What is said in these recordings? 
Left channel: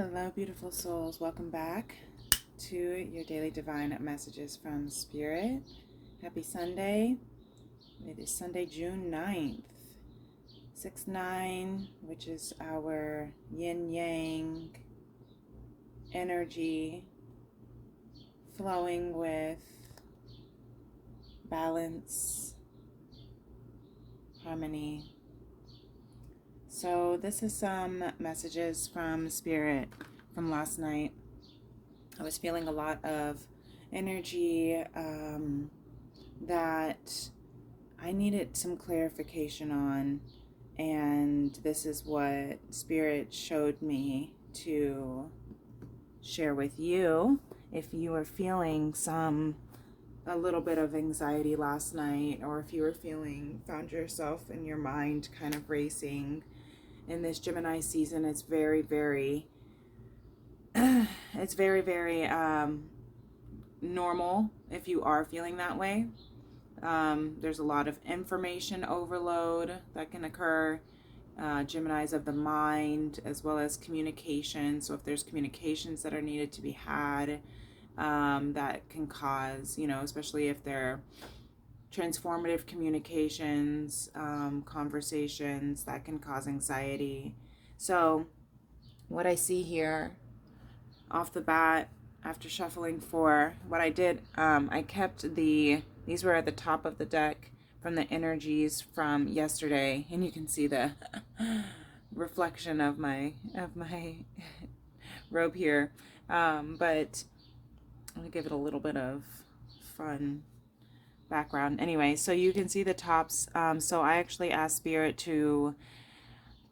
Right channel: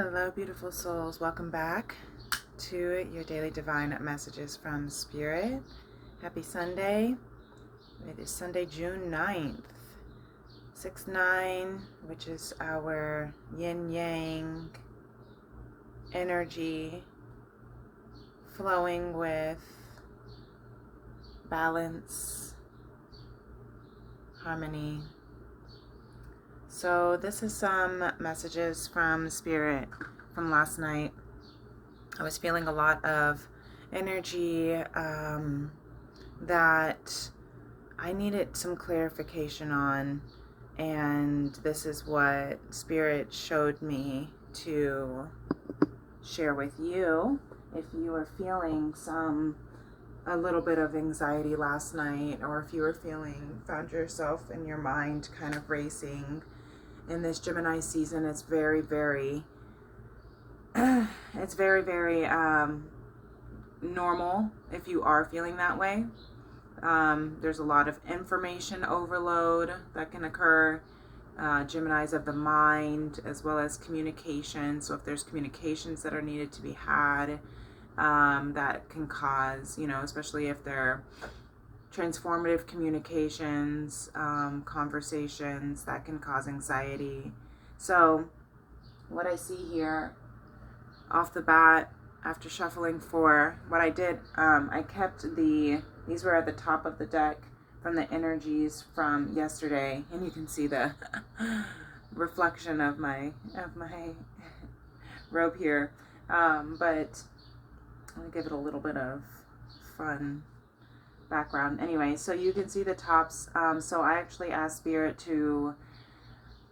Hello, beautiful souls. Welcome back to your daily divine messages from Spirit. Happy Sunday. It is Sunday, June 9th, 6-9, which is our yin yang energy flowing with balance, harmony. So this is some messages from Spirit from last night. I was feeling a lot of energy that I needed some clarification on, and this is what Spirit showed me to share with you. If you are feeling a little bit of anxiety last night, or if you were found yourself in your mind kind of racing in this Gemini season, it's very, very normal if you are feeling that way. There's a lot of information overload that can occur. Geminis of the mind, as well as communication. So if there's communications that are needed to be had, that can cause, especially if they're transformative communications, conversations, that can cause anxiety. So what I see here off the bat, after shuffling four, what I did, I kept these were at the top of the deck from the energies from yesterday, and you can see the reflection of my robe here, but I'm gonna give it a little bit of fun background. Anyway, so you can see the tops. So I actually asked Spirit to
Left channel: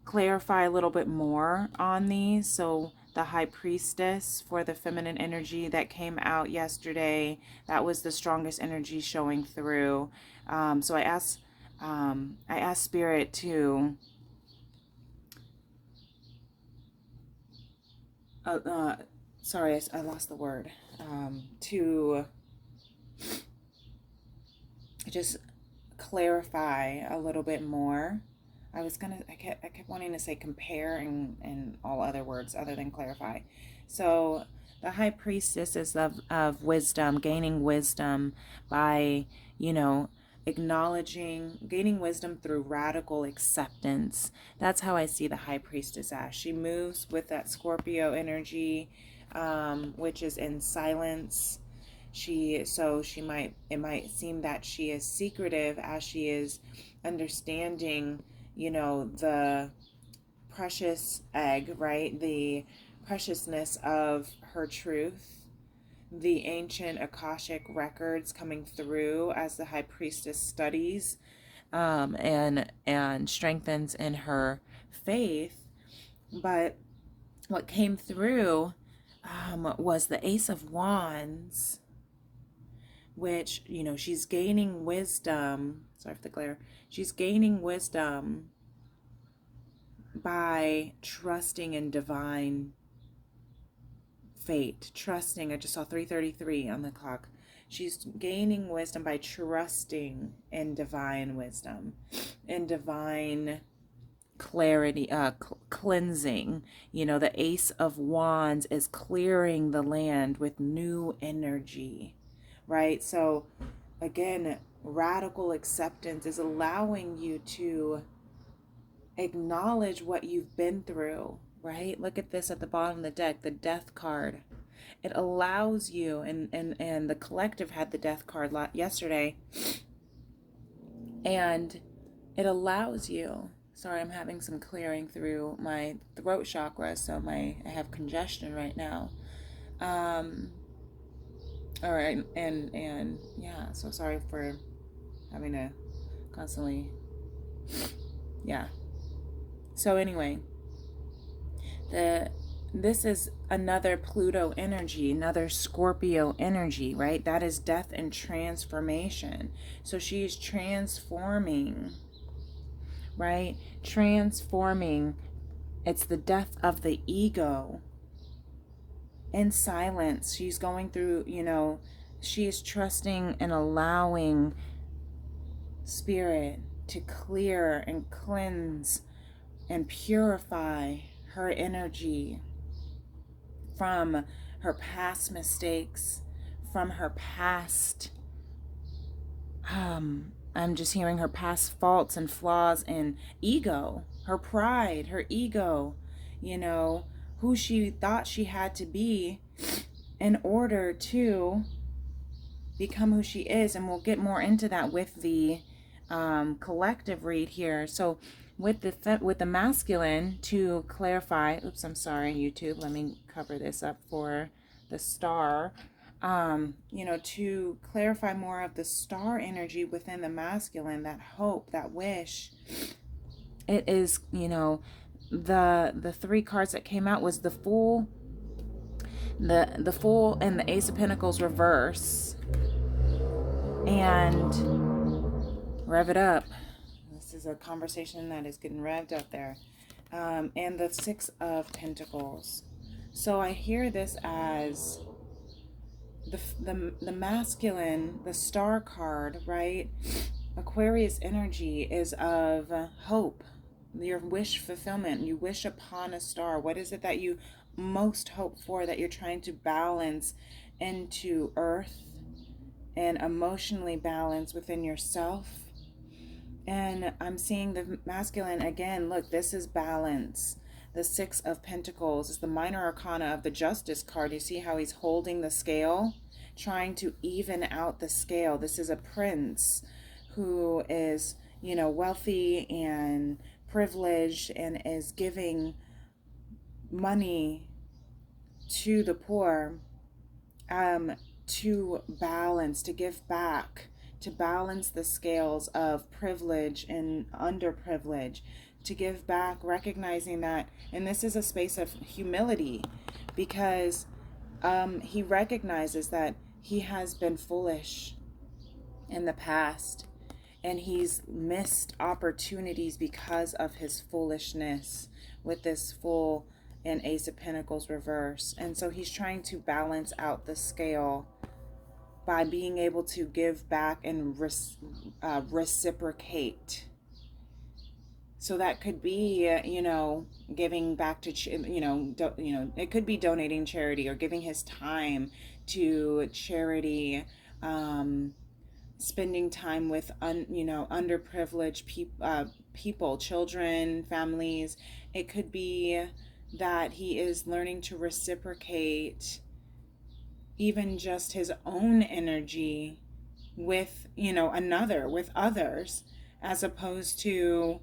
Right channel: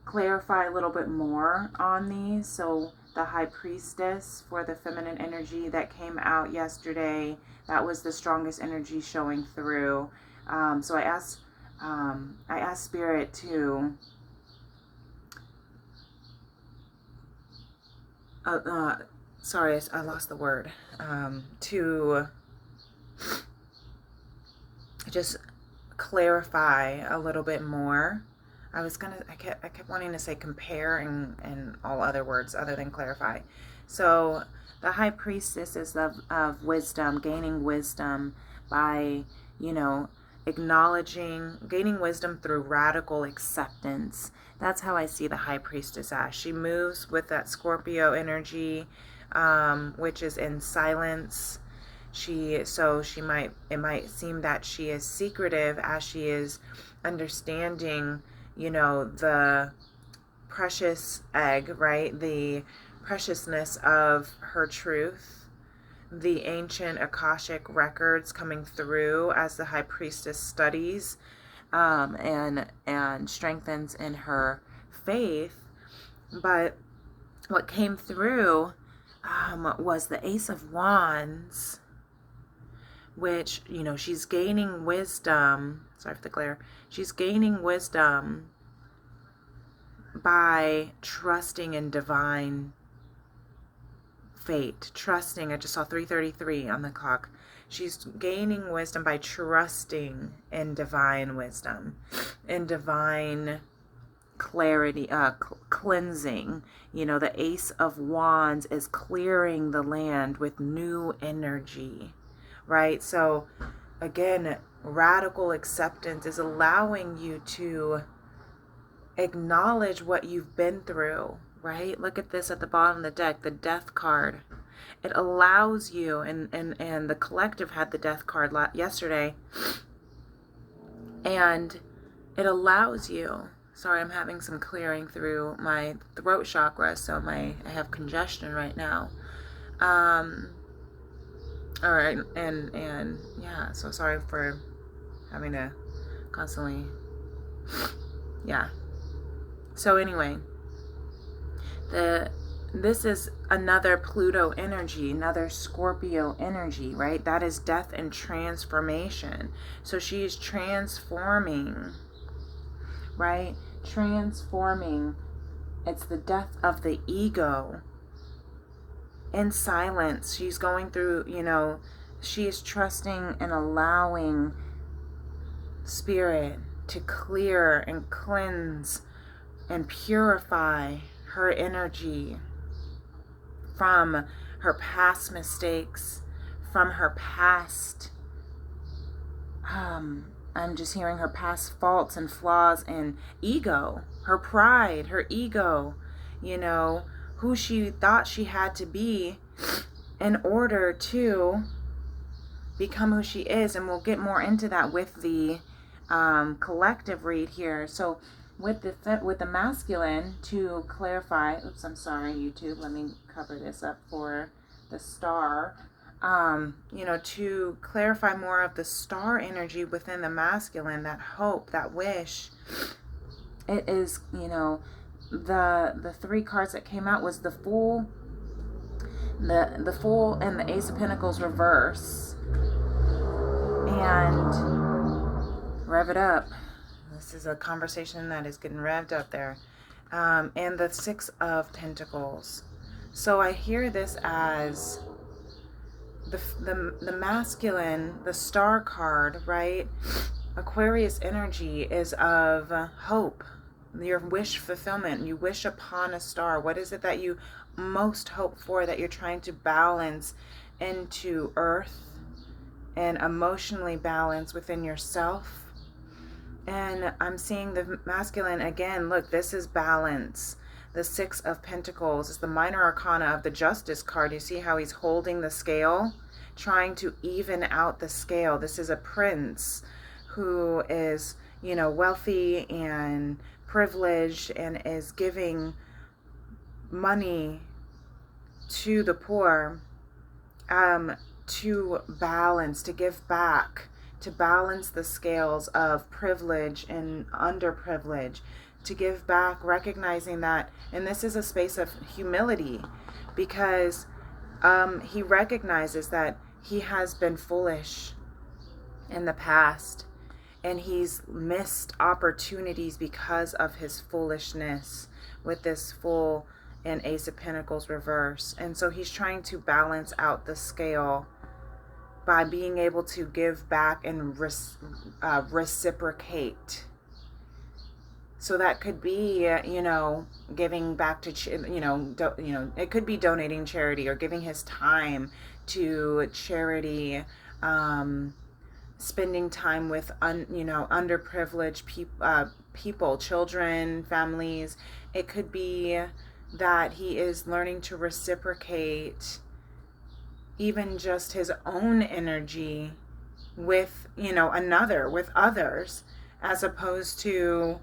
clarify a little bit more on these. So the High Priestess for the feminine energy that came out yesterday, that was the strongest energy showing through. So I asked Spirit to sorry, I lost the word. To just clarify a little bit more. I kept wanting to say compare and all other words other than clarify. So the High Priestess is of wisdom, gaining wisdom by, gaining wisdom through radical acceptance. That's how I see the High Priestess as. She moves with that Scorpio energy, which is in silence. It might seem that she is secretive as she is understanding, the precious egg, right? The preciousness of her truth, the ancient Akashic records coming through as the High Priestess studies, and strengthens in her faith. But what came through was the Ace of Wands, which, she's gaining wisdom. Sorry for the glare. She's gaining wisdom by trusting in divine fate. Trusting, I just saw 3:33 on the clock. She's gaining wisdom by trusting in divine wisdom, in divine clarity, cleansing. The Ace of Wands is clearing the land with new energy, right? So again, radical acceptance is allowing you to acknowledge what you've been through, right? Look at this at the bottom of the deck, the Death card. It allows you, and the collective had the Death card yesterday, and it allows you, sorry, I'm having some clearing through my throat chakra, so I have congestion right now. All right, and yeah, so sorry for having to constantly, yeah. So anyway, this is another Pluto energy, another Scorpio energy, right? That is death and transformation. So she is transforming, right? Transforming. It's the death of the ego. In silence, she's going through, she is trusting and allowing Spirit to clear and cleanse and purify her energy from her past mistakes, from her past, I'm just hearing her past faults and flaws and ego, her pride, her ego, you know, who she thought she had to be in order to become who she is. And we'll get more into that with the collective read here. So with the masculine, to clarify, oops, I'm sorry, YouTube, let me cover this up for the star. You know, to clarify more of the star energy within the masculine, that hope, that wish, it is, you know, the three cards that came out was the Fool, the Fool, and the Ace of Pentacles reverse. And rev it up. This is a conversation that is getting revved up there. And the Six of Pentacles. So I hear this as the masculine, the star card, right? Aquarius energy is of hope, your wish fulfillment. You wish upon a star. What is it that you most hope for, that you're trying to balance into earth and emotionally balance within yourself? And I'm seeing the masculine again. Look, this is balance. The Six of Pentacles is the minor arcana of the Justice card. You see how he's holding the scale, trying to even out the scale. This is a prince who is, you know, wealthy and privileged and is giving money to the poor, to balance, to give back, to balance the scales of privilege and underprivilege, to give back, recognizing that, and this is a space of humility, because he recognizes that he has been foolish in the past, and he's missed opportunities because of his foolishness with this Fool and Ace of Pentacles reverse. And so he's trying to balance out the scale by being able to give back and reciprocate. So that could be, you know, giving back to, it could be donating charity or giving his time to charity, spending time with, underprivileged people, children, families. It could be that he is learning to reciprocate even just his own energy with, with others, as opposed to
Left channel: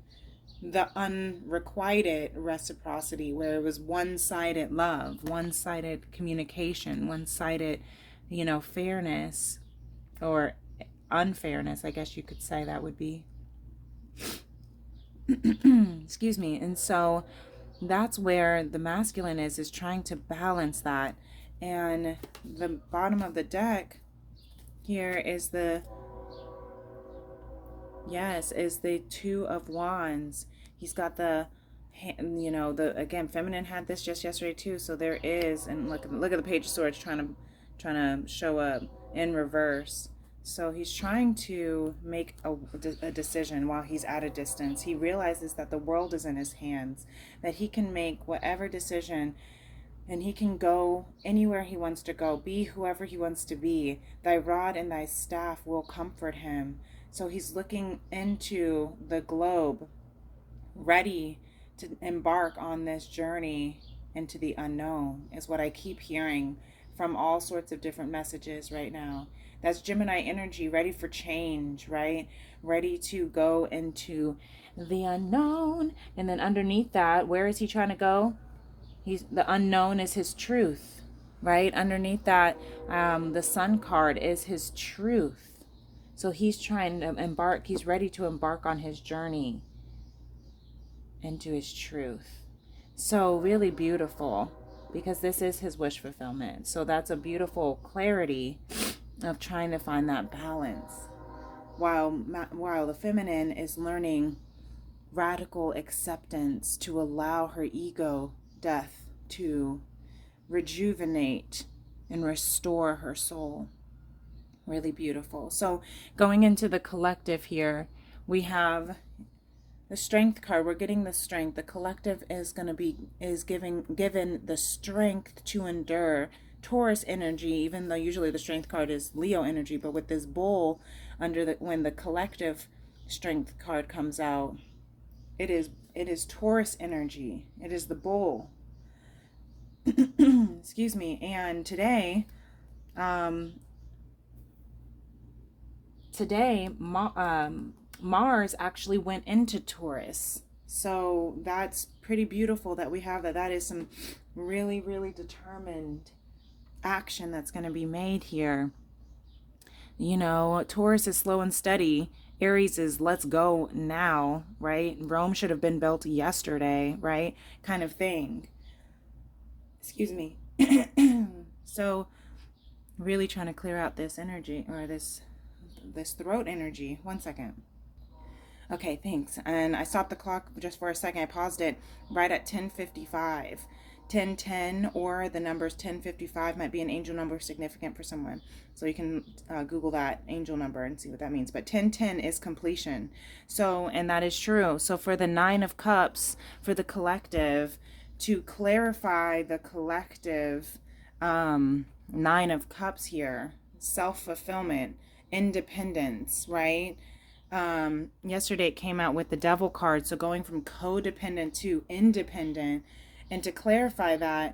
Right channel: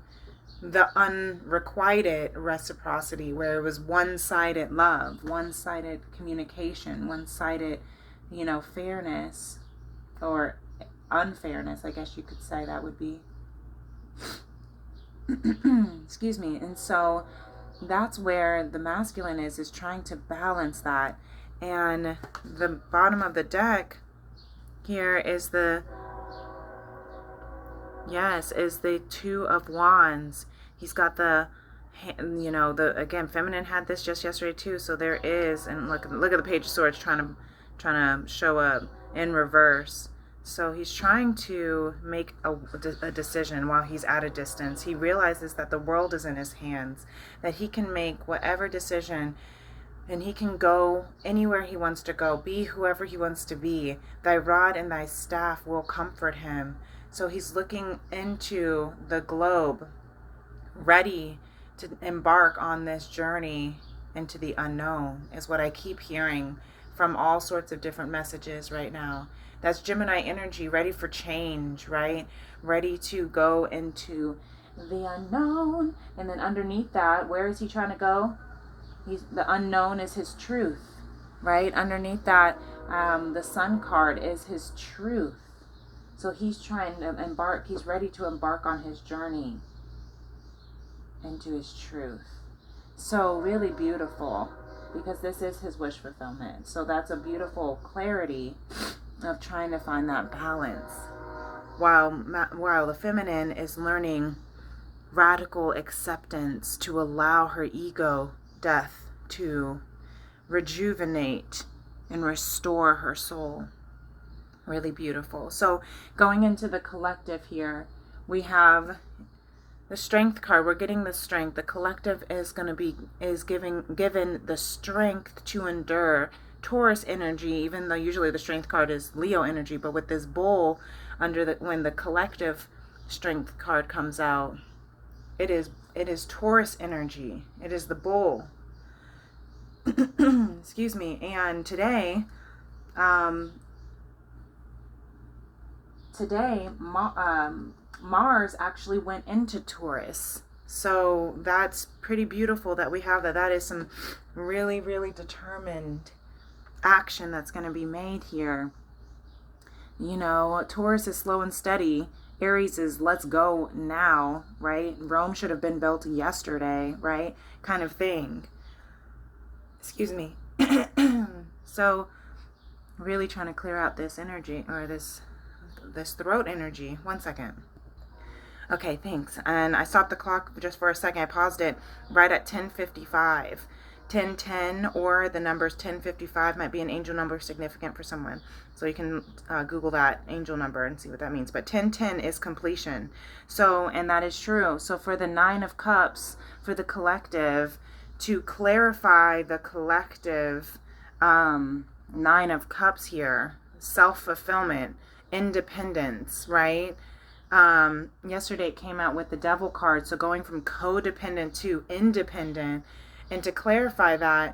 the unrequited reciprocity where it was one-sided love, one-sided communication, one-sided, fairness or unfairness, I guess you could say that would be. Excuse me. And so that's where the masculine is trying to balance that. And the bottom of the deck here is the Two of Wands. He's got again, feminine had this just yesterday too. So there is, and look at the Page of Swords trying to show up in reverse. So he's trying to make a decision while he's at a distance. He realizes that the world is in his hands, that he can make whatever decision, and he can go anywhere he wants to go, be whoever he wants to be. Thy rod and thy staff will comfort him. So he's looking into the globe, ready to embark on this journey into the unknown, is what I keep hearing from all sorts of different messages right now. That's Gemini energy, ready for change, right? Ready to go into the unknown. And then underneath that, where is he trying to go? The unknown is his truth, right? Underneath that, the Sun card is his truth. So he's trying to embark, he's ready to embark on his journey into his truth. So really beautiful, because this is his wish fulfillment. So that's a beautiful clarity of trying to find that balance, while the feminine is learning radical acceptance to allow her ego death to rejuvenate and restore her soul. Really beautiful. So going into the collective here, we have The Strength card, we're getting the strength. The collective is going to be, is given the strength to endure. Taurus energy, even though usually the Strength card is Leo energy, but with this bull under the, when the collective Strength card comes out, it is Taurus energy. It is the bull. Excuse me. And today, Mars actually went into Taurus. So that's pretty beautiful that we have that. That is some really, really determined action that's going to be made here. You know, Taurus is slow and steady. Aries is let's go now, right? Rome should have been built yesterday, right? Kind of thing. Excuse me. So really trying to clear out this energy, or this throat energy. 1 second. Okay, thanks. And I stopped the clock just for a second. I paused it right at 10:55. 1010 or the numbers 1055 might be an angel number significant for someone. So you can Google that angel number and see what that means. But 1010 is completion. So, and that is true. So for the 9 of Cups, for the collective, to clarify the collective 9 of Cups here, self-fulfillment, independence, right? Yesterday it came out with the Devil card. So going from codependent to independent. And to clarify that,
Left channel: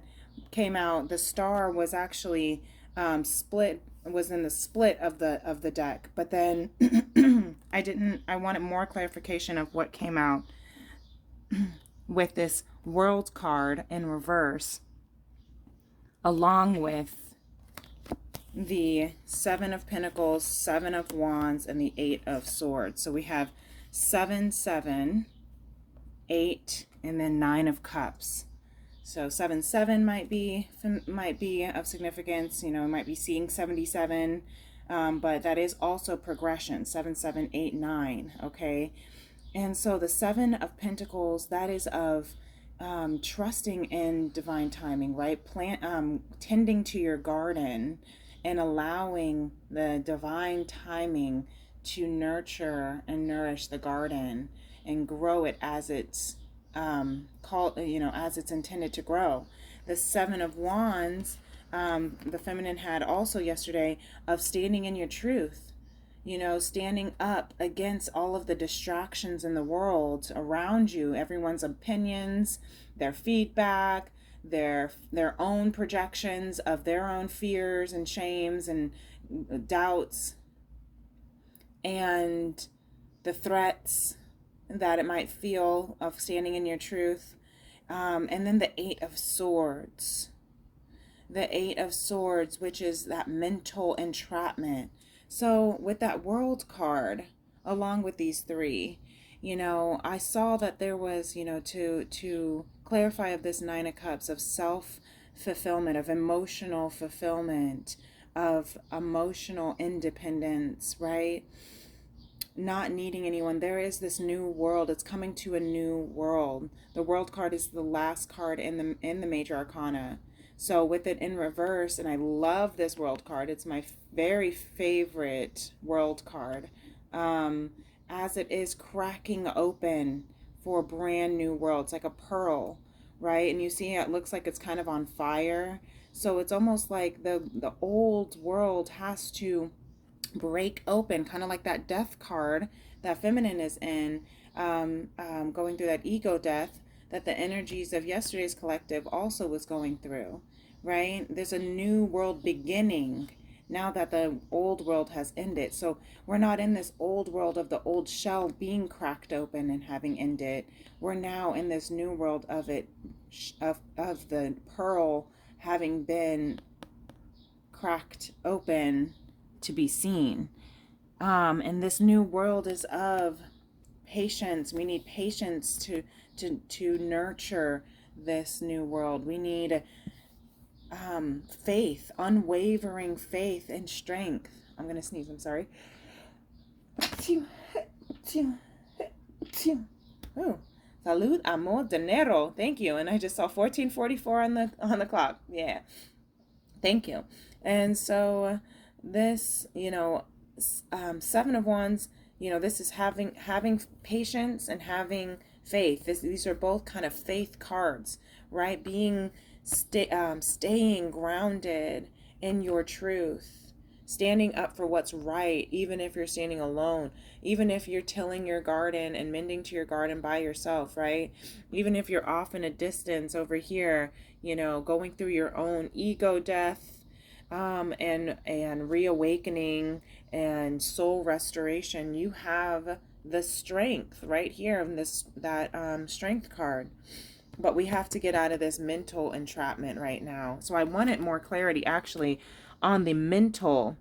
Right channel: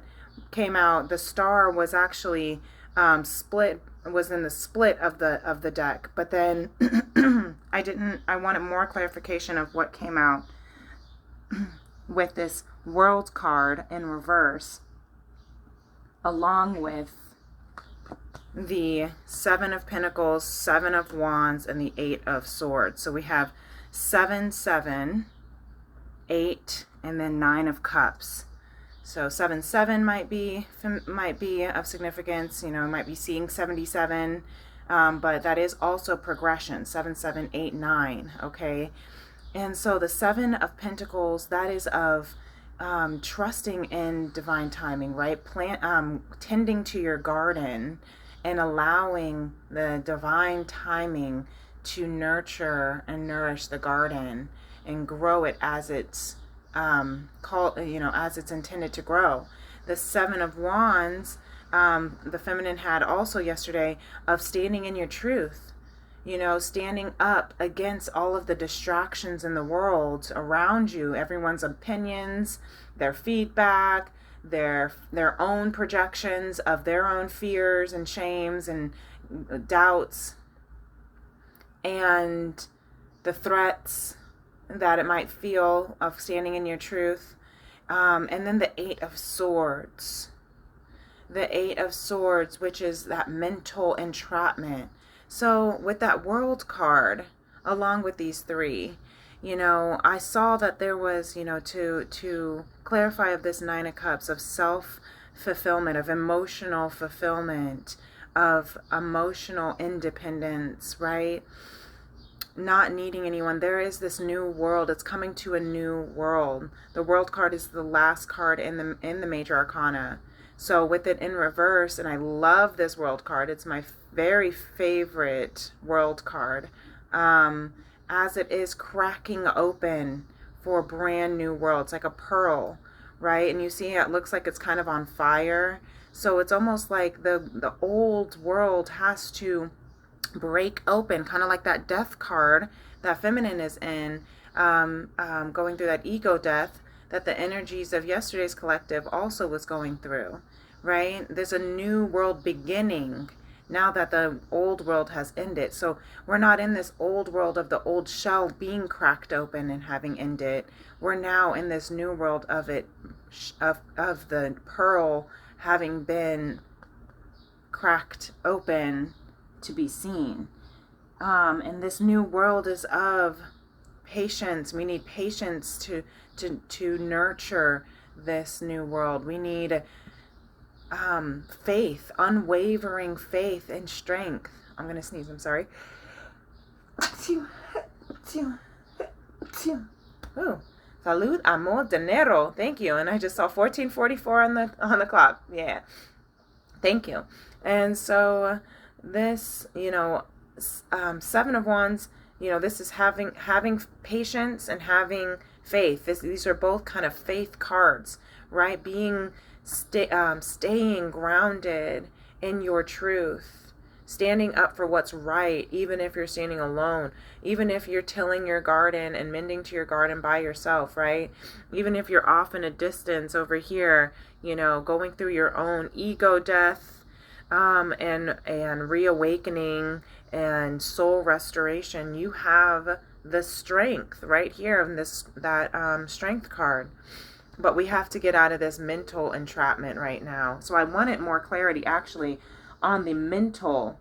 came out, the star was actually split, was in the split of the deck. But then I wanted more clarification of what came out with this World card in reverse, along with the 7 of Pentacles, 7 of Wands, and the 8 of Swords. So we have 7, 7, 8, and then 9 of Cups. So 7-7 might be of significance. You know, might be seeing 77, but that is also progression. 7, 7, 8, 9. Okay, and so the 7 of Pentacles, that is of trusting in divine timing, right? Tending to your garden and allowing the divine timing to nurture and nourish the garden and grow it as it's as it's intended to grow. The 7 of Wands, the feminine had also yesterday, of standing in your truth, you know, standing up against all of the distractions in the world around you, everyone's opinions, their feedback, their own projections of their own fears and shames and doubts, and the threats that it might feel of standing in your truth. And then the 8 of Swords. The 8 of Swords, which is that mental entrapment. So with that World card, along with these 3, you know, I saw that there was, you know, to clarify of this 9 of Cups, of self-fulfillment, of emotional fulfillment, of emotional independence, right? Not needing anyone. There is this new world. It's coming to a new world. The World card is the last card in the major arcana. So with it in reverse, and I love this World card. It's my very favorite World card. As it is cracking open for a brand new world. It's like a pearl, right? And you see it looks like it's kind of on fire. So it's almost like the old world has to break open, kind of like that Death card that feminine is in, going through that ego death that the energies of yesterday's collective also was going through, right? There's a new world beginning now that the old world has ended. So we're not in this old world of the old shell being cracked open and having ended. We're now in this new world of it, of the pearl having been cracked open to be seen. And this new world is of patience. We need patience to nurture this new world. We need faith, unwavering faith and strength. I'm gonna sneeze, I'm sorry. Ooh. Salud, amor, dinero. Thank you. And I just saw 1444 on the clock. Yeah. Thank you. And so this, you know, 7 of Wands You know, this is having patience and having faith. These are both kind of faith cards, right? Staying grounded in your truth, standing up for what's right, even if you're standing alone, even if you're tilling your garden and mending to your garden by yourself, right? Even if you're off in a distance over here, you know, going through your own ego death, and reawakening and soul restoration, you have the strength right here in that strength card. But we have to get out of this mental entrapment right now. So I wanted more clarity actually on the mental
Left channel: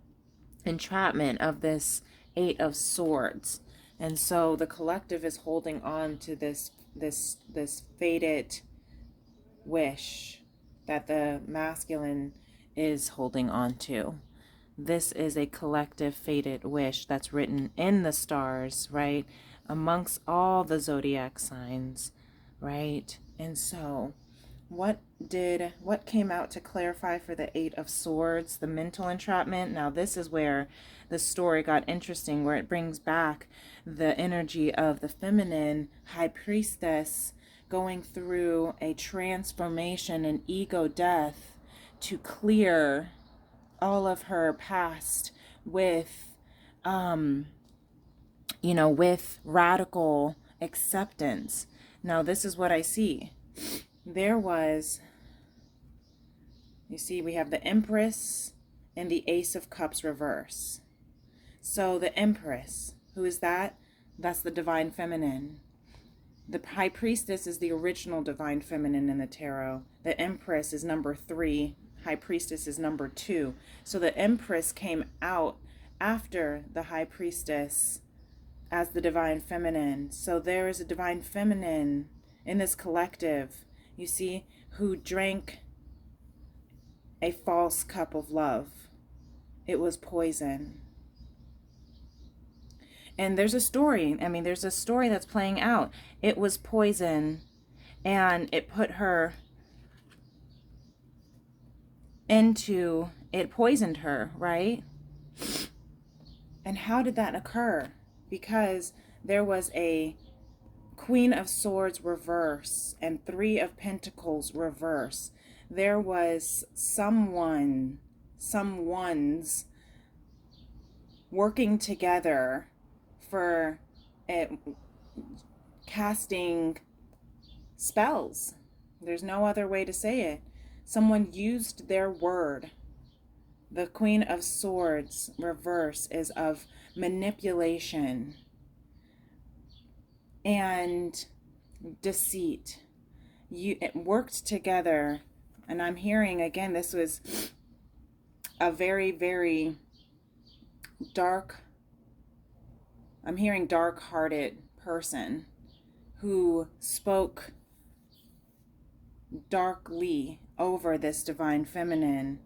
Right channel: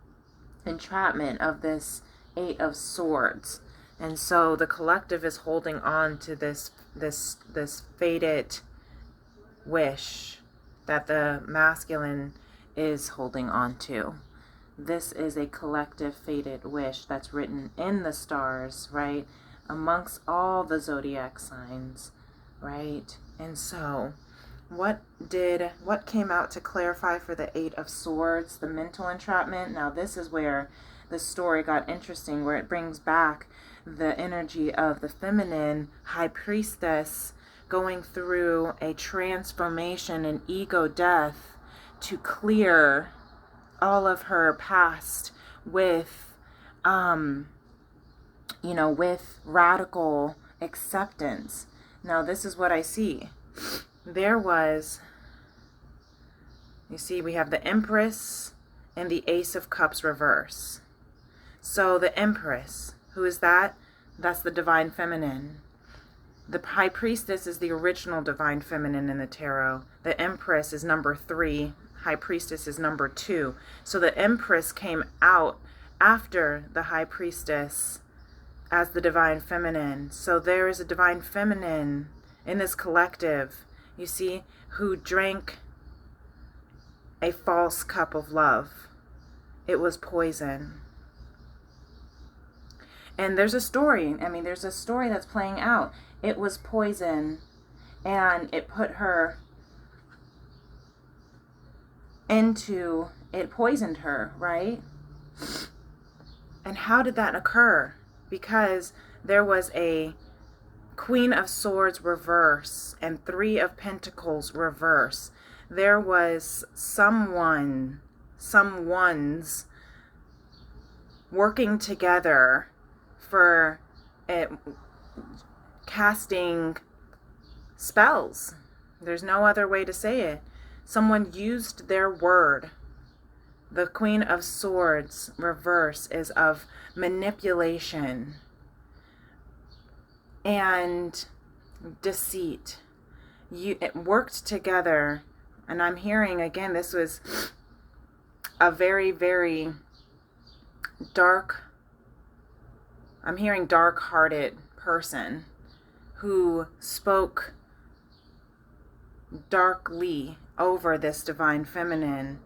entrapment of this Eight of Swords. And so the collective is holding on to this fated wish that the masculine is holding on to. This is a collective fated wish that's written in the stars, right? Amongst all the zodiac signs, right? And so what came out to clarify for the Eight of Swords, the mental entrapment? Now this is where the story got interesting, where it brings back the energy of the feminine high priestess going through a transformation and ego death to clear all of her past with with radical acceptance. Now this is what I see. There was, you see, we have the Empress and the Ace of Cups reverse. So the Empress, who is that? That's the divine feminine. The High Priestess is the original divine feminine in the tarot. The Empress is number 3. High Priestess is number 2. So the Empress came out after the High Priestess as the divine feminine. So there is a divine feminine in this collective, you see, who drank a false cup of love. It was poison. And there's a story. There's a story that's playing out. It was poison, and it poisoned her, right? And how did that occur? Because there was a Queen of Swords reverse and 3 of Pentacles reverse. There was someone's working together for casting spells. There's no other way to say it. Someone used their word. The Queen of Swords reverse is of manipulation and deceit. It worked together, and I'm hearing again, this was a very, very dark, I'm hearing dark-hearted person who spoke darkly over this divine feminine.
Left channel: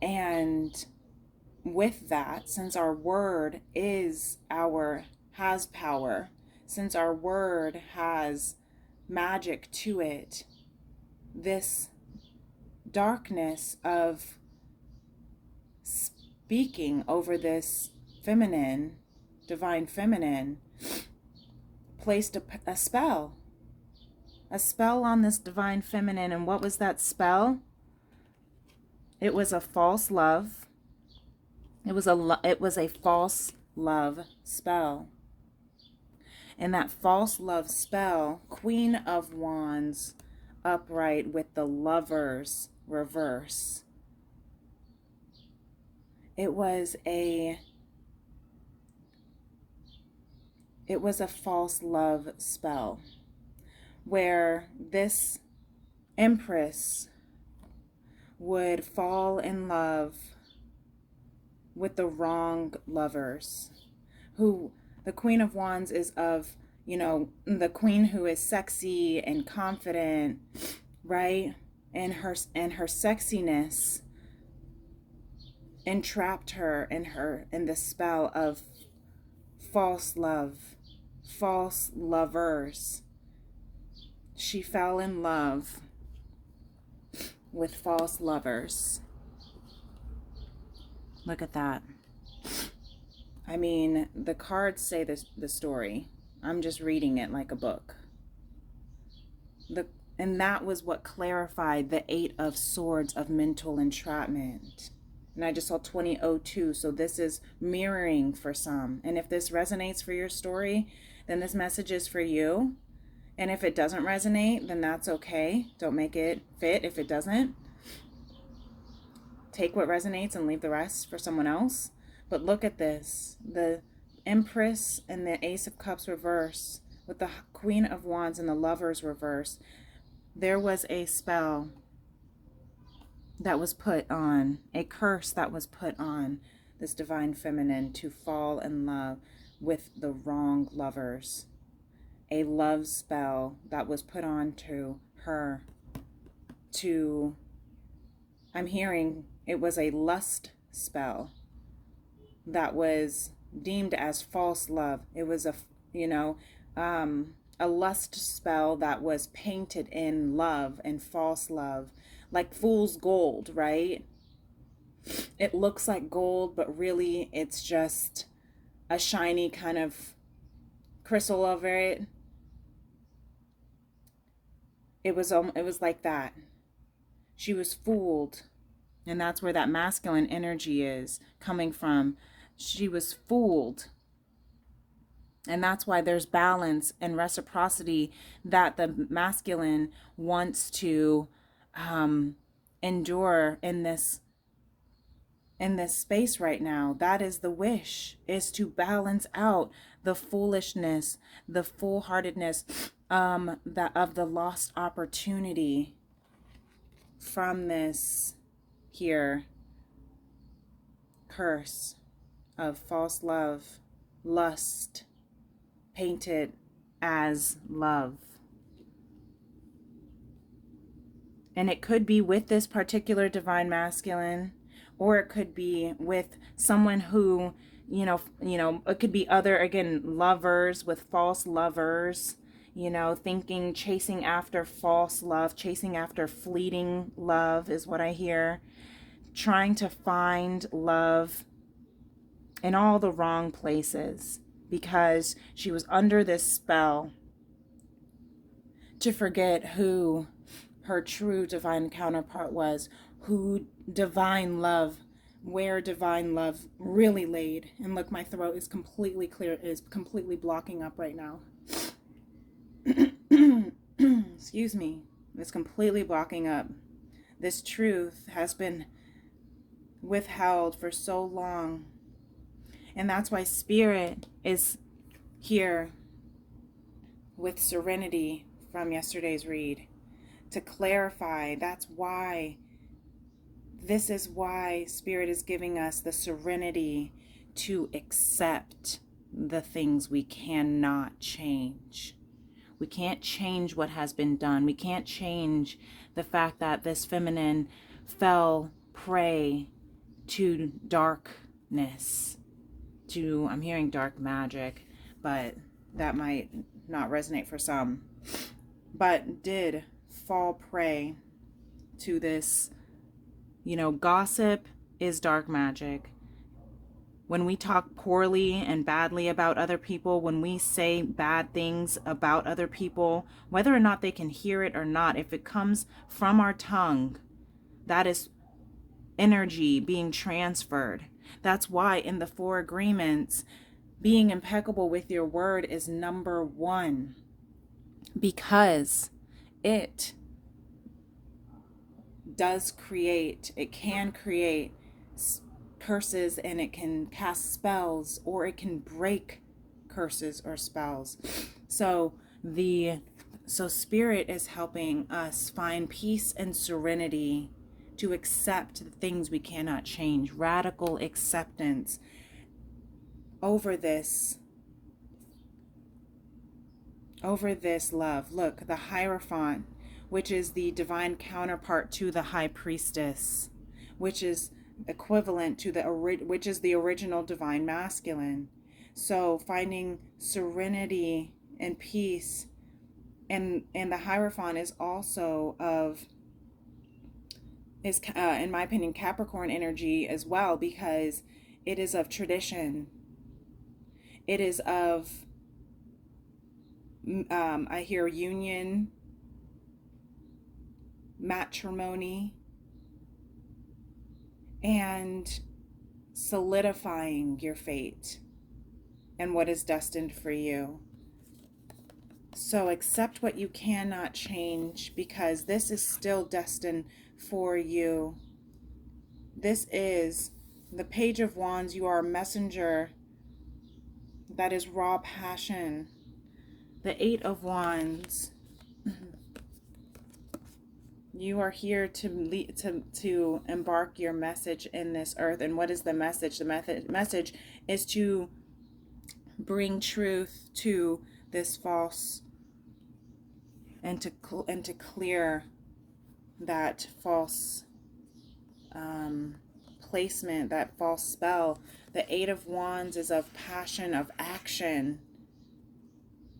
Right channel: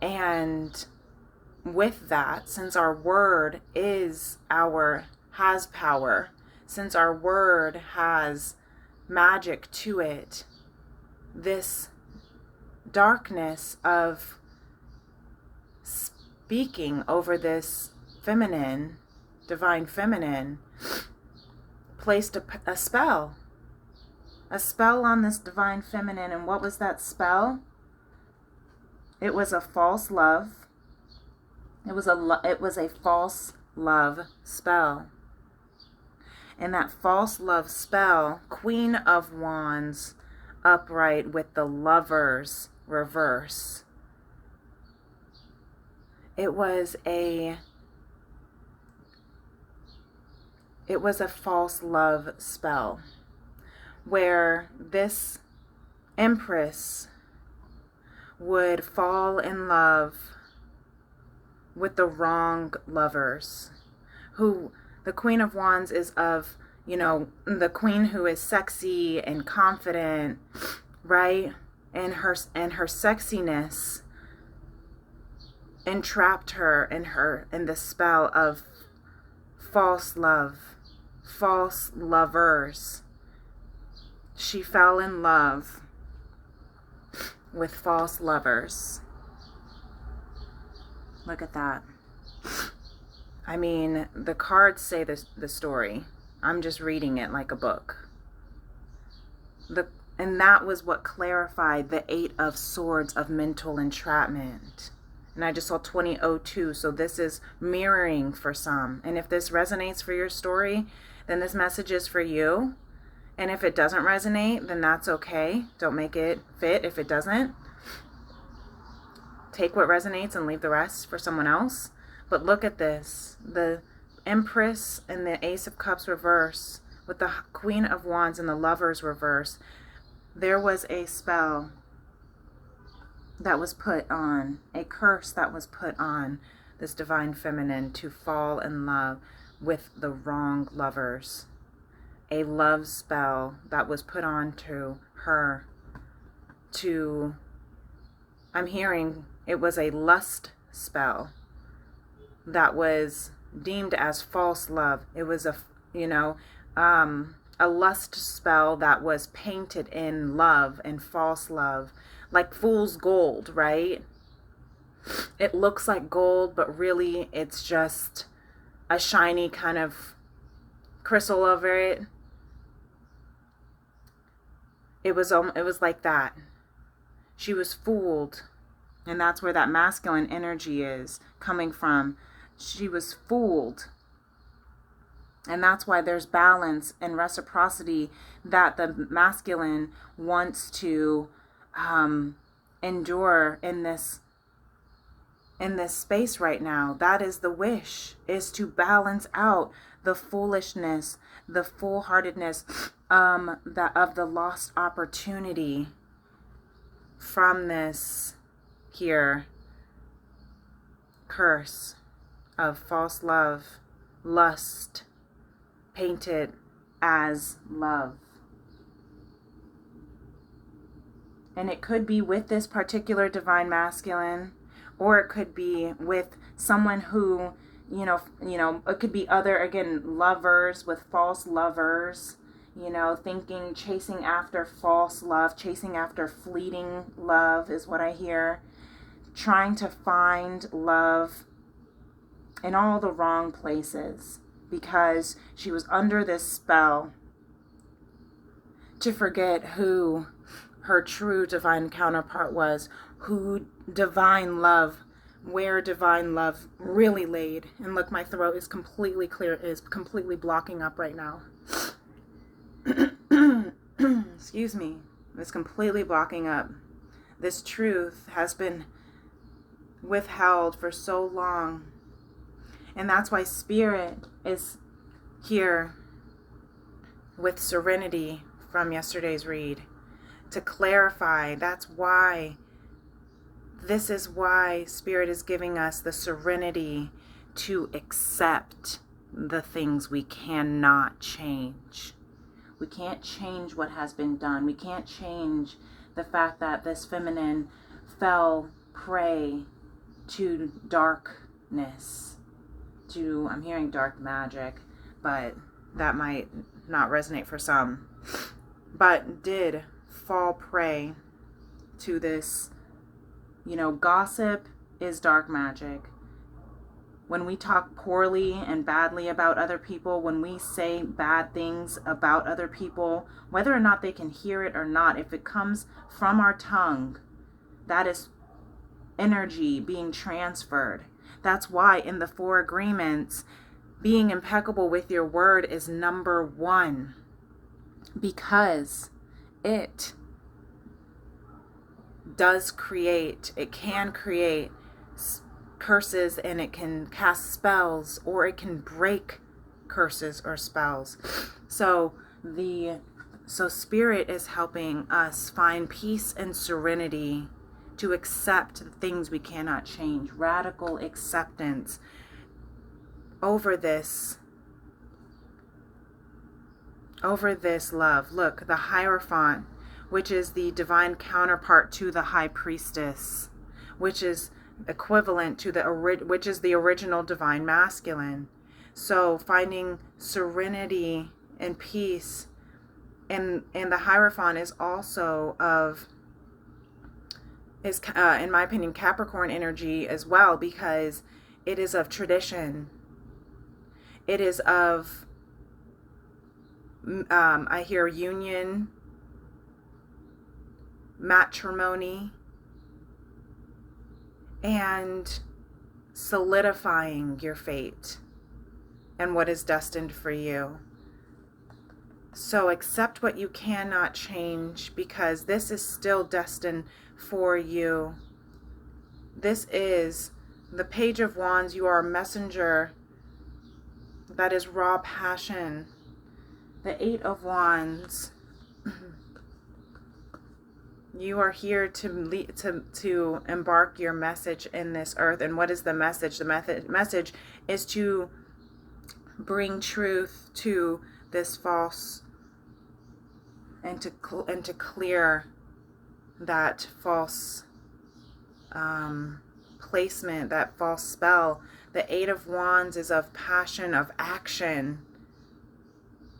And with that, since our word has power, since our word has magic to it, this darkness of speaking over this feminine, divine feminine, placed a spell on this divine feminine. And what was that spell? It was a false love. It was a false love spell. And that false love spell, Queen of Wands upright with the Lovers reverse. It was a false love spell where this Empress would fall in love with the wrong lovers. Who the Queen of Wands is of, the queen who is sexy and confident, right? And her sexiness entrapped her in the spell of false love, false lovers. She fell in love with false lovers. Look at that. I mean, the cards say this, the story. I'm just reading it like a book. And that was what clarified the 8 of Swords of mental entrapment. And I just saw 2002, so this is mirroring for some. And if this resonates for your story, then this message is for you. And if it doesn't resonate, then that's okay. Don't make it fit if it doesn't. Take what resonates and leave the rest for someone else. But look at this. The Empress and the Ace of Cups reverse with the Queen of Wands and the Lovers reverse. There was a spell that was put on, a curse that was put on this divine feminine to fall in love with the wrong lovers. A love spell that was put on to her to, I'm hearing it was a lust spell that was deemed as false love. It was a lust spell that was painted in love and false love, like fool's gold, right? It looks like gold, but really it's just a shiny kind of crystal over it. It was like that. She was fooled, and that's where that masculine energy is coming from. She was fooled. And that's why there's balance and reciprocity that the masculine wants to endure in this space right now. That is the wish, is to balance out the foolishness, the foolhardiness of the lost opportunity from this here curse of false love, lust, painted as love. And it could be with this particular divine masculine, or it could be with someone who, it could be other, again, lovers with false lovers, thinking, chasing after false love, chasing after fleeting love is what I hear. Trying to find love in all the wrong places, because she was under this spell to forget who her true divine counterpart was, who divine love, where divine love really laid. And look, my throat is completely clear, is completely blocking up right now. Excuse me. It's completely blocking up. This truth has been withheld for so long. And that's why Spirit is here with Serenity from yesterday's read to clarify. That's why, this is why Spirit is giving us the serenity to accept the things we cannot change. We can't change what has been done. We can't change the fact that this feminine fell prey to darkness. I'm hearing dark magic, but that might not resonate for some, but did fall prey to this. Gossip is dark magic. When we talk poorly and badly about other people, when we say bad things about other people, whether or not they can hear it or not, if it comes from our tongue, that is energy being transferred. That's why in the 4 agreements, being impeccable with your word is number 1, because it can create curses, and it can cast spells, or it can break curses or spells. So Spirit is helping us find peace and serenity to accept the things we cannot change. Radical acceptance over this love. Look, the Hierophant, which is the divine counterpart to the High Priestess, which is equivalent to which is the original divine masculine. So finding serenity and peace, and the Hierophant is also in my opinion, Capricorn energy as well, because it is of tradition. It is of, I hear union, matrimony, and solidifying your fate and what is destined for you. So accept what you cannot change, because this is still destined for you. This is the Page of Wands. You are a messenger. That is raw passion. The Eight of Wands. You are here to embark your message in this earth. And what is the message? The message is to bring truth to this false, and to clear that false placement, that false spell. The Eight of Wands is of passion, of action.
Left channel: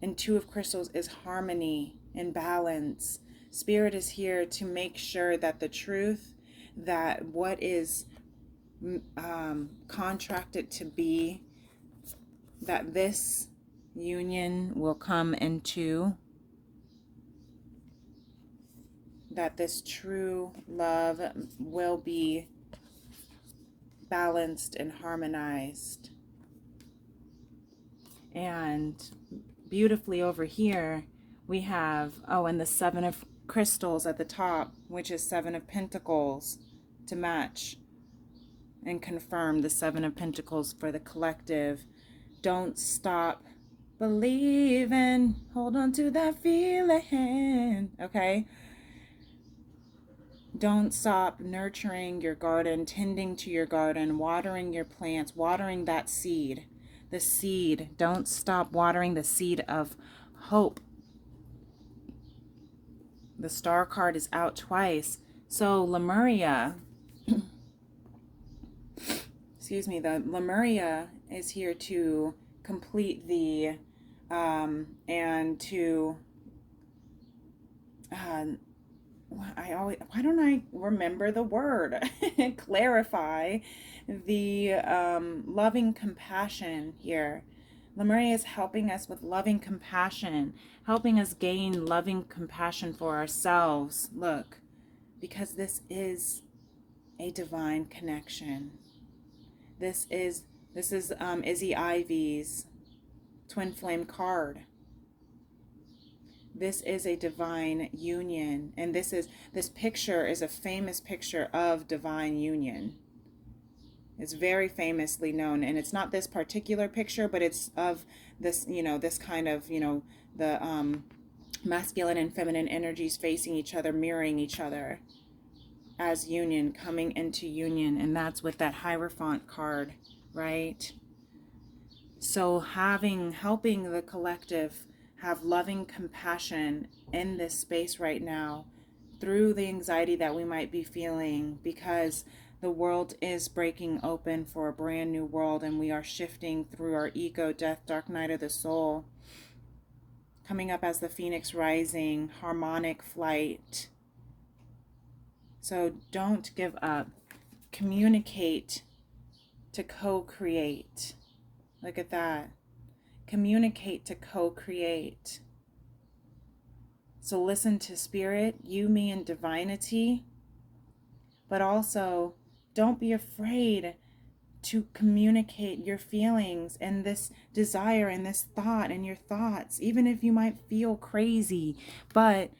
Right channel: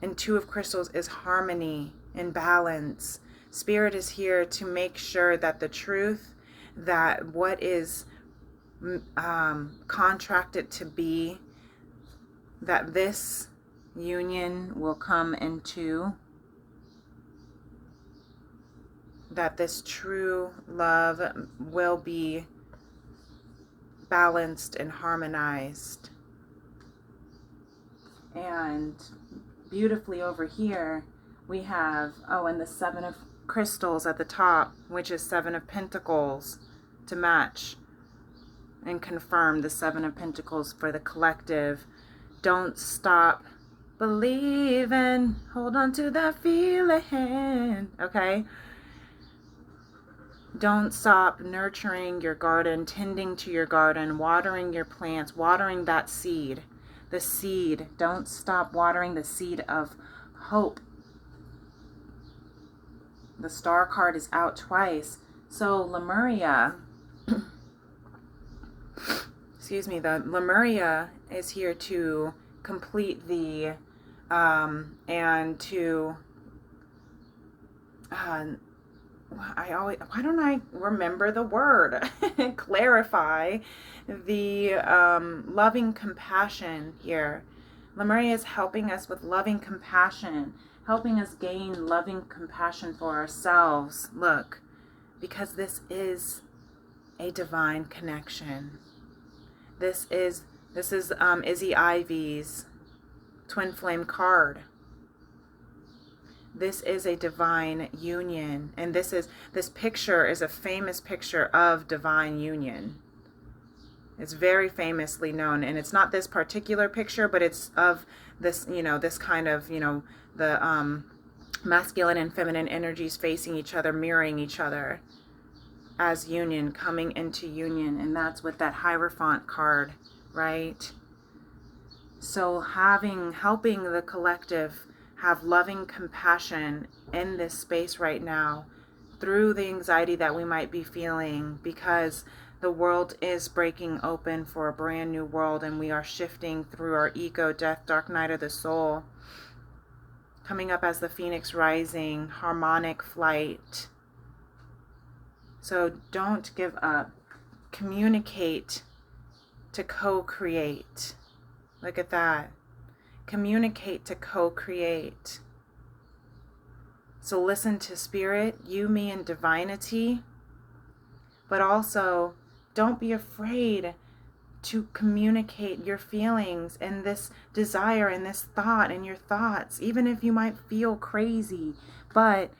And Two of Crystals is harmony and balance. Spirit is here to make sure that the truth, that what is contracted to be, that this union will come into, that this true love will be balanced and harmonized. And beautifully over here, we have, and the Seven of Crystals at the top, which is Seven of Pentacles, to match and confirm the Seven of Pentacles for the collective. Don't stop believing. Hold on to that feeling. Okay? Don't stop nurturing your garden, tending to your garden, watering your plants, watering that seed. The seed. Don't stop watering the seed of hope. The Star card is out twice. So Lemuria, excuse me, the Lemuria is here to complete the, and to, why don't I remember the word? Clarify the loving compassion here. Lemuria is helping us with loving compassion, helping us gain loving compassion for ourselves. Look, because this is a divine connection. This is Izzy Ivy's twin flame card. This is a divine union, and this picture is a famous picture of divine union. It's very famously known, and it's not this particular picture, but it's of this, this kind of, the masculine and feminine energies facing each other, mirroring each other as union, coming into union. And that's with that Hierophant card, right? So helping the collective have loving compassion in this space right now through the anxiety that we might be feeling, because the world is breaking open for a brand new world, and we are shifting through our ego, death, dark night of the soul. Coming up as the Phoenix rising, harmonic flight. So don't give up. Communicate to co-create. Look at that. Communicate to co-create. So listen to spirit, you, me, and divinity. But also, don't be afraid to communicate your feelings and this desire and this thought and your thoughts, even if you might feel crazy. But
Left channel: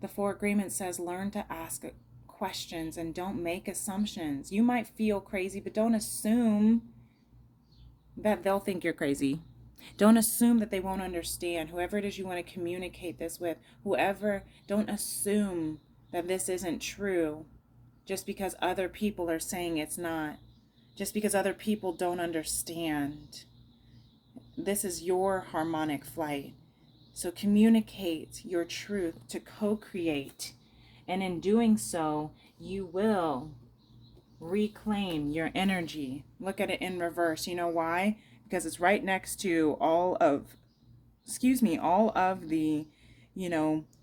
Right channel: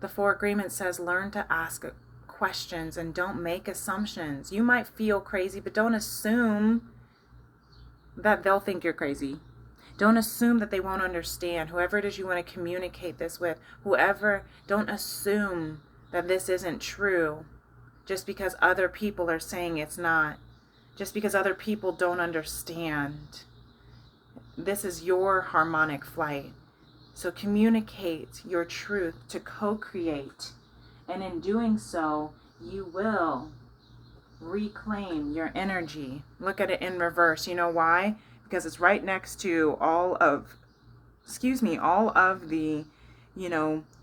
the Four Agreements says, learn to ask questions and don't make assumptions. You might feel crazy, but don't assume that they'll think you're crazy. Don't assume that they won't understand. Whoever it is you want to communicate this with, don't assume that this isn't true just because other people are saying it's not. Just because other people don't understand. This is your harmonic flight. So communicate your truth to co-create. And in doing so, you will reclaim your energy. Look at it in reverse. You know why? Because it's right next to all of the,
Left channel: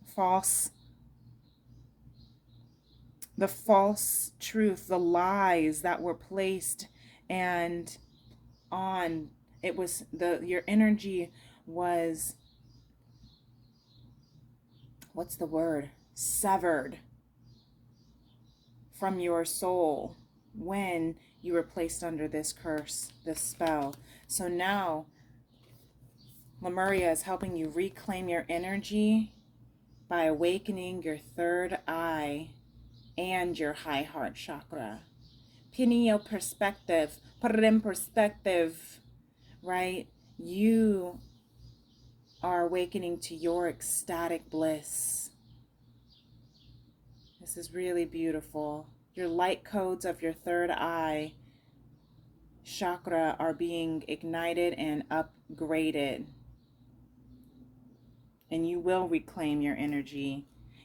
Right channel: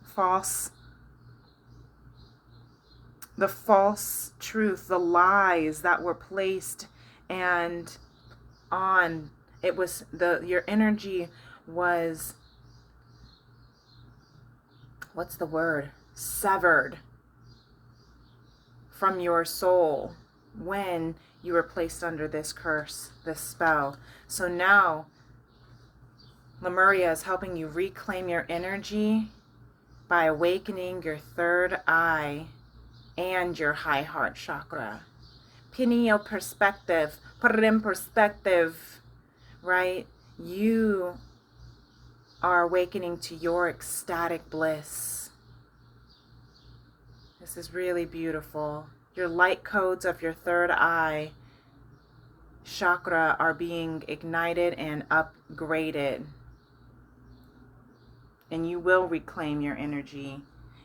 false the false truth, the lies that were placed and on. It was your energy was, what's the word? Severed from your soul when you were placed under this curse, this spell. So now Lemuria is helping you reclaim your energy by awakening your third eye and your high heart chakra. Pineal perspective, perspective, right? You are awakening to your ecstatic bliss. This is really beautiful. Your light codes of your third eye chakra are being ignited and upgraded. And you will reclaim your energy.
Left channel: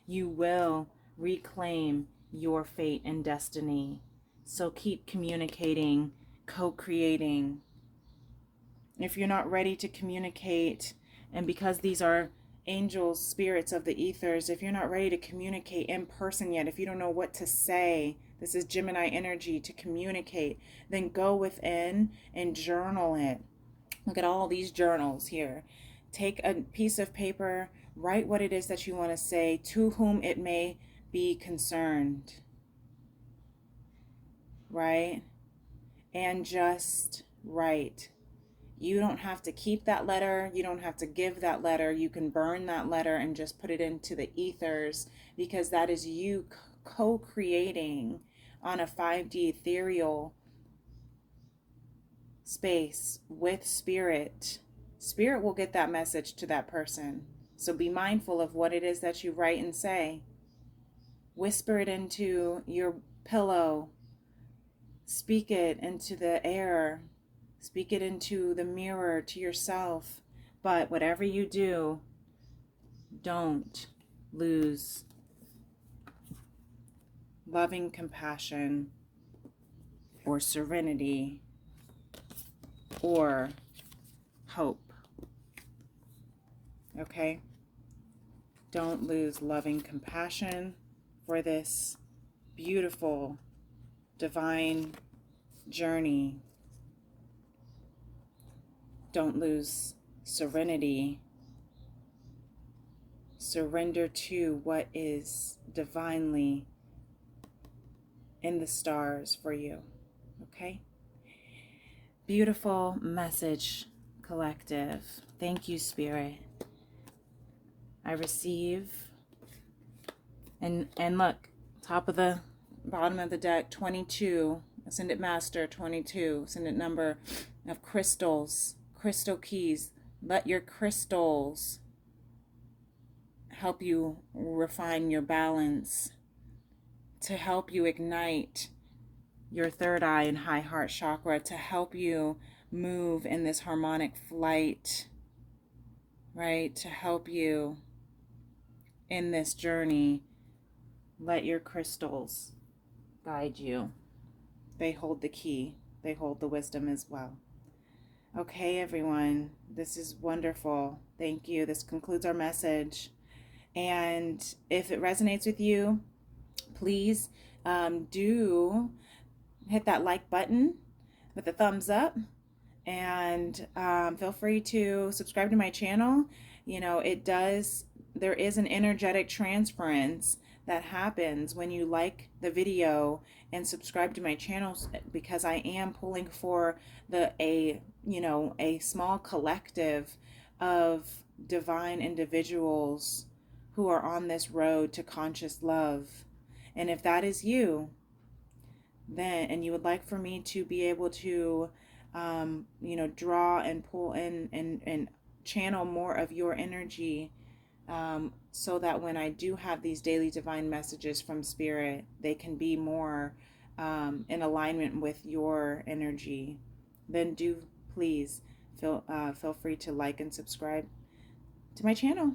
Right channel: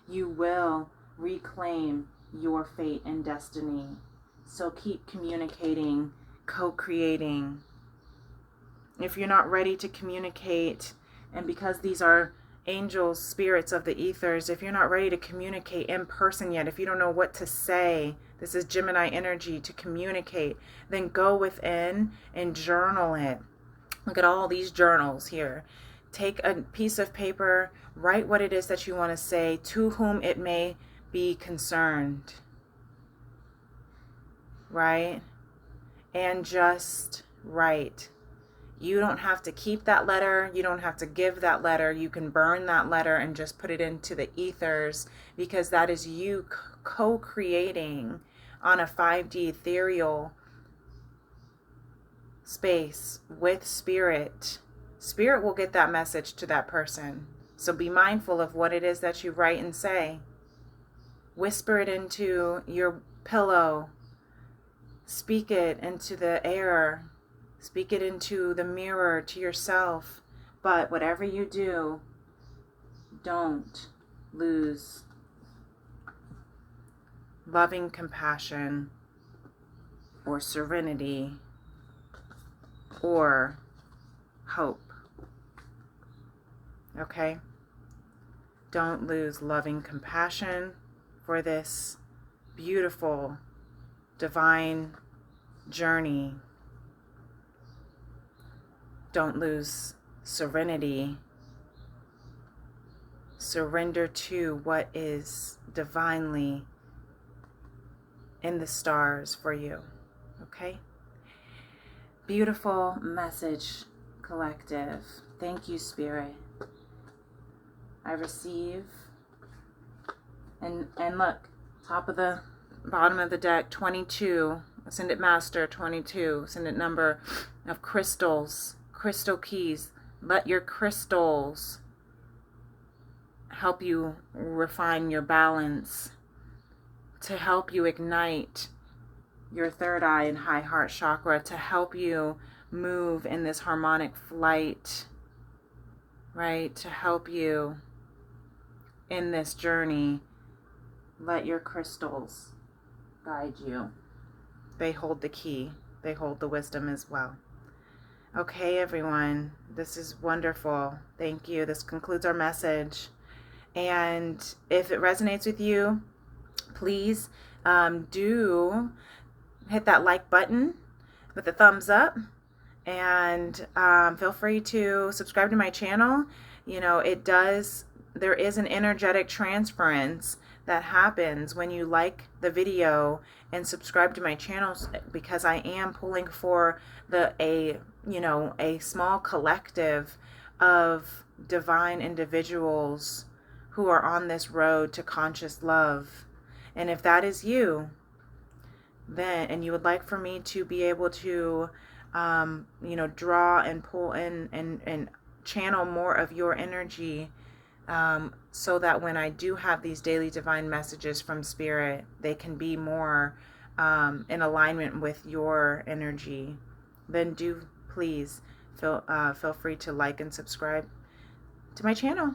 You will reclaim your fate and destiny. So keep communicating, co-creating. If you're not ready to communicate, and because these are angels, spirits of the ethers, if you're not ready to communicate in person yet, if you don't know what to say, this is Gemini energy to communicate, then go within and journal it. Look at all these journals here. Take a piece of paper, write what it is that you want to say, to whom it may be concerned, right? And just write. You don't have to keep that letter. You don't have to give that letter. You can burn that letter and just put it into the ethers, because that is you co-creating on a 5D ethereal space with spirit. Spirit will get that message to that person. So be mindful of what it is that you write and say. Whisper it into your pillow. Speak it into the air. Speak it into the mirror to yourself. But whatever you do, don't lose loving compassion or serenity or hope. Okay? Don't lose loving compassion for this beautiful divine journey. Don't lose serenity. Surrender to what is divinely in the stars for you. Okay? Beautiful message, collective. Thank you, Spirit. I receive. And look, top of the bottom of the deck, 22. Ascended Master, 22. Ascended number of crystals, crystal keys. Let your crystals help you refine your balance, to help you ignite your third eye and high heart chakra, to help you move in this harmonic flight, right? To help you in this journey. Let your crystals guide you. They hold the key. They hold the wisdom as well. Okay, everyone. This is wonderful. Thank you. This concludes our message. And if it resonates with you, please do hit that like button with a thumbs up, and feel free to subscribe to my channel. You know, there is an energetic transference that happens when you like the video and subscribe to my channel, because I am pulling for a small collective of divine individuals who are on this road to conscious love. And if that is you, then, and you would like for me to be able to draw and pull in and channel more of your energy, so that when I do have these daily divine messages from Spirit, they can be more in alignment with your energy, then do please feel free to like and subscribe to my channel.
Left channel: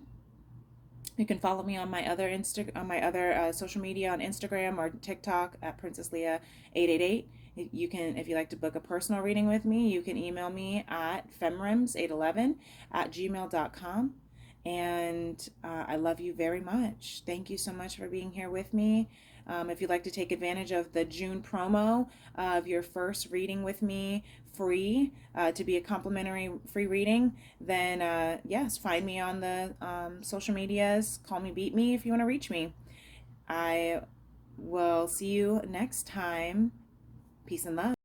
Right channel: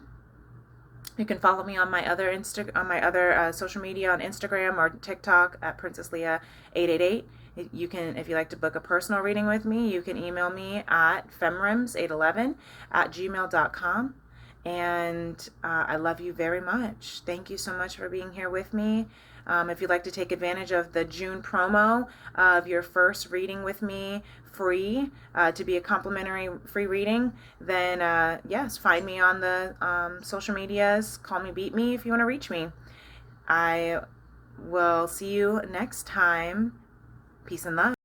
You can follow me on my other social media, on Instagram or TikTok at Princess Leah 888. You can, if you like to book a personal reading with me, you can email me at femrims811@gmail.com. And I love you very much. Thank you so much for being here with me. If you'd like to take advantage of the June promo of your first reading with me free, to be a complimentary free reading, then yes, find me on the social medias. Call me, beat me if you want to reach me. I will see you next time. Peace and love.